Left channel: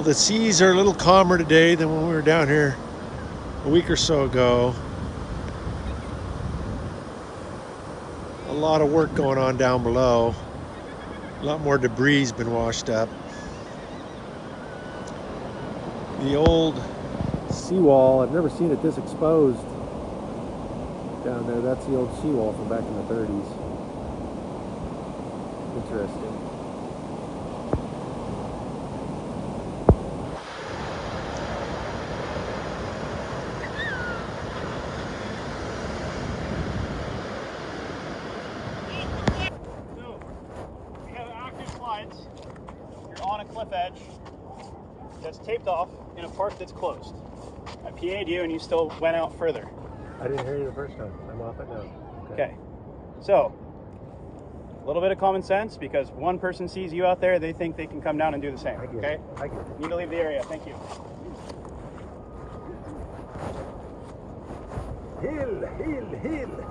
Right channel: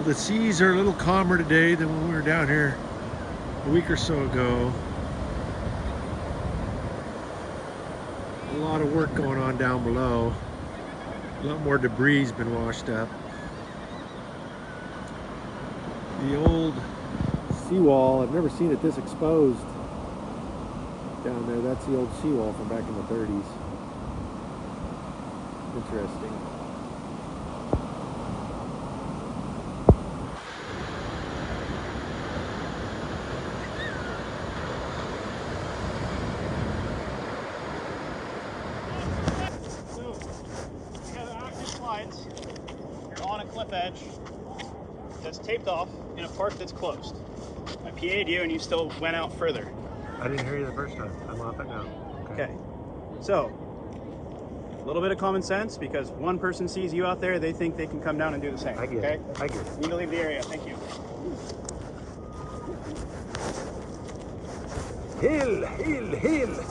Well, the seas are a little calmer today than when we were down here a week or so ago. A lot of work going on down below. A lot more debris has been washed up. The old seawall, I've never seen it this exposed down there. That's the old seawall from back in the 30s. Interesting. Taped off in a port that's closed. I PA'd you and you still went out further. I didn't hear you the first time. I'm off it now. Okay. So, a little bit of common sense, because one person sees you out there, they think they can come down and do the same. I get it. I get it. You need to leave the area. Thank you. Hill, hill, hill.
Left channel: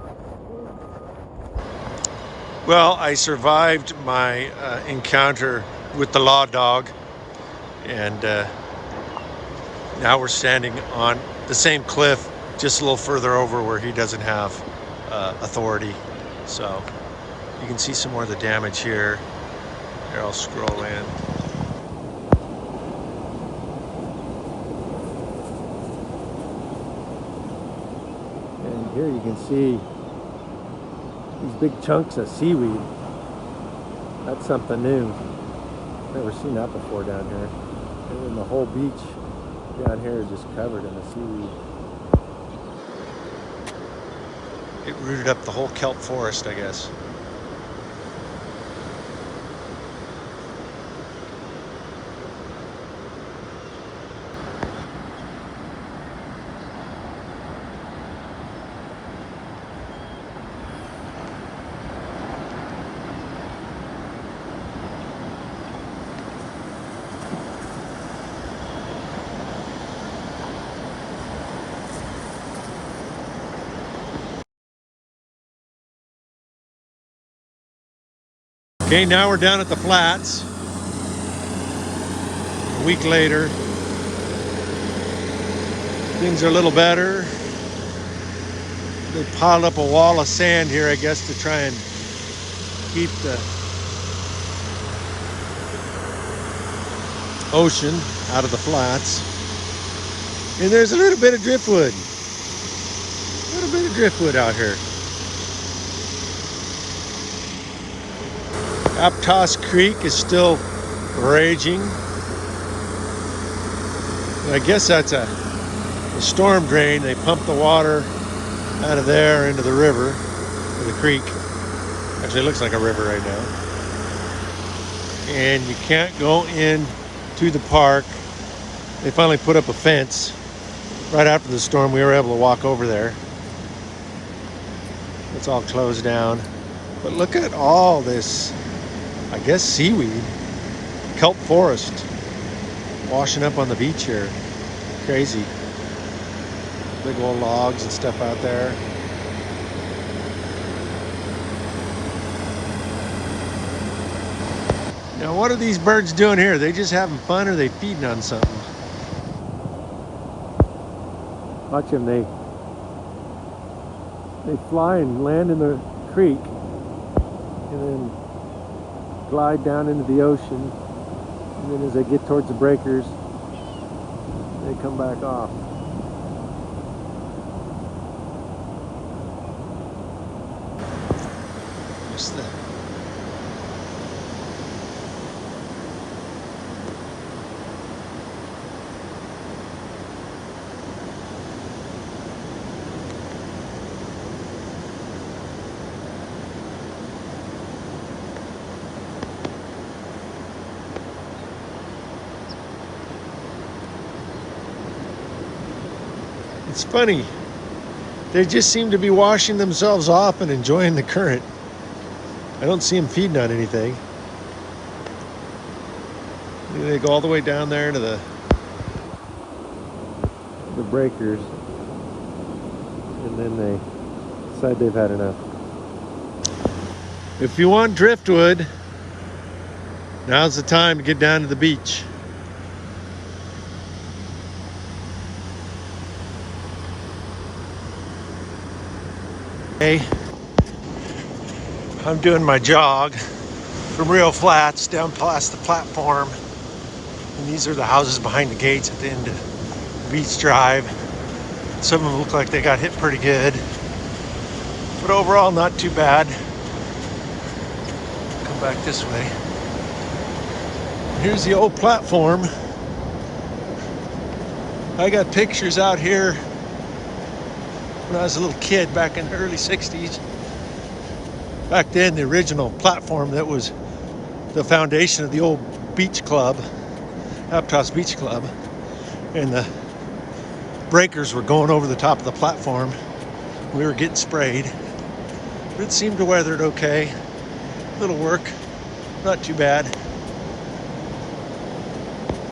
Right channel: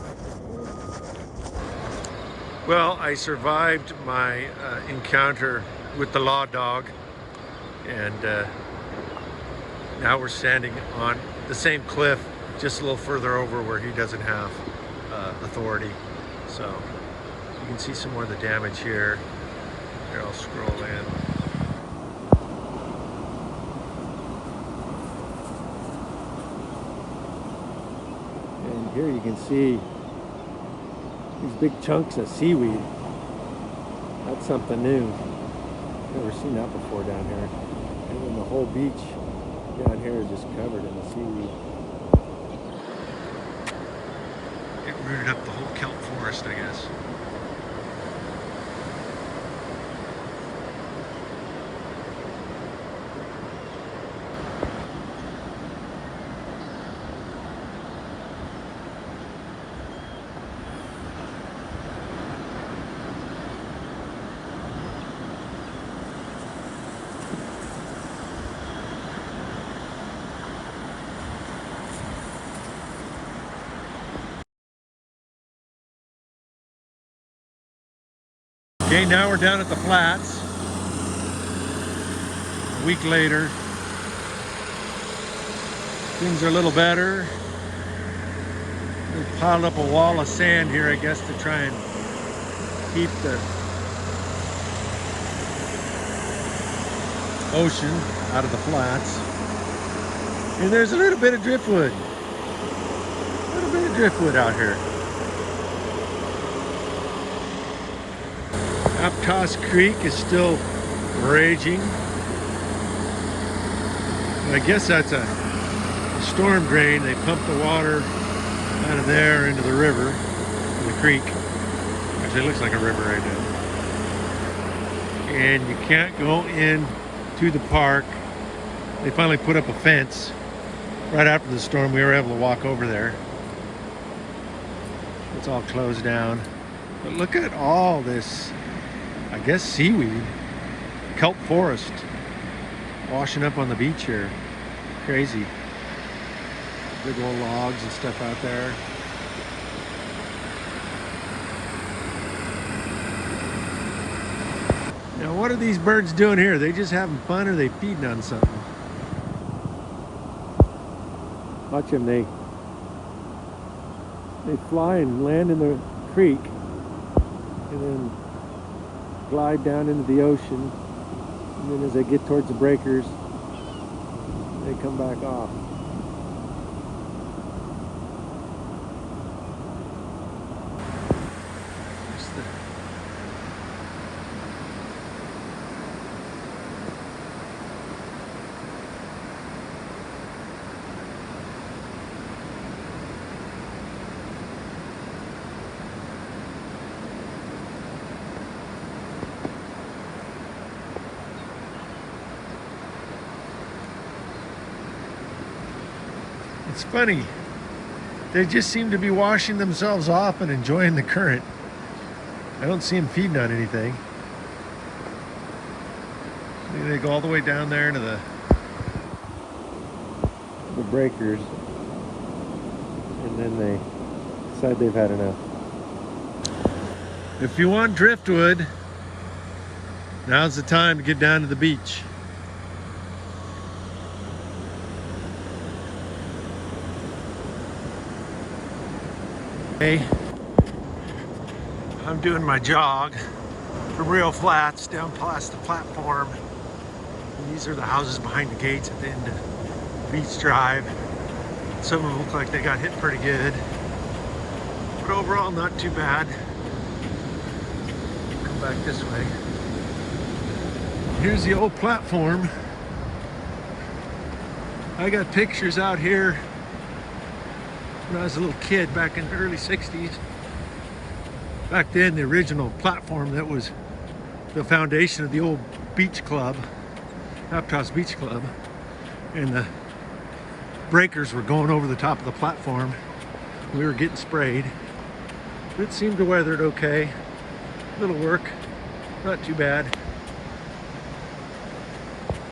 Well, I survived my encounter with the law dog, and now we're standing on the same cliff, just a little further over where he doesn't have authority. So you can see some more of the damage here. Here, I'll scroll in. And here you can see these big chunks of seaweed. That's something new. Never seen that before down here. And then the whole beach down here is just covered in the seaweed. It rooted up the whole kelp forest, I guess. Okay, now we're down at the flats. A week later. Things are a little better. They piled up a wall of sand here, I guess, to try and keep the ocean out of the flats. And there's a little bit of driftwood. A little bit of driftwood out here. Aptos Creek is still raging. I guess that's a storm drain. They pump the water out of there into the river, or the creek. Actually, it looks like a river right now. And you can't go in to the park. They finally put up a fence. Right after the storm, we were able to walk over there. It's all closed down. But look at all this, I guess, seaweed, kelp forest washing up on the beach here. Crazy. Big old logs and stuff out there. Now, what are these birds doing here? Are they just having fun, or are they feeding on something? Watch them. They fly and land in the creek and then glide down into the ocean, and then as they get towards the breakers, they come back off. There's the It's funny. They just seem to be washing themselves off and enjoying the current. I don't see them feeding on anything. They go all the way down there to the breakers, and then they decide they've had enough. If you want driftwood, now's the time to get down to the beach. Hey, I'm doing my jog from Rio Flats down past the platform. And these are the houses behind the gates at the end of Beach Drive. Some of them look like they got hit pretty good. But overall, not too bad. Come back this way. Here's the old platform. I got pictures out here when I was a little kid back in the early 60s. Back then, the original platform that was the foundation of the old beach club, Aptos Beach Club, and the breakers were going over the top of the platform. We were getting sprayed, but it seemed to weather it okay. Little work, not too bad.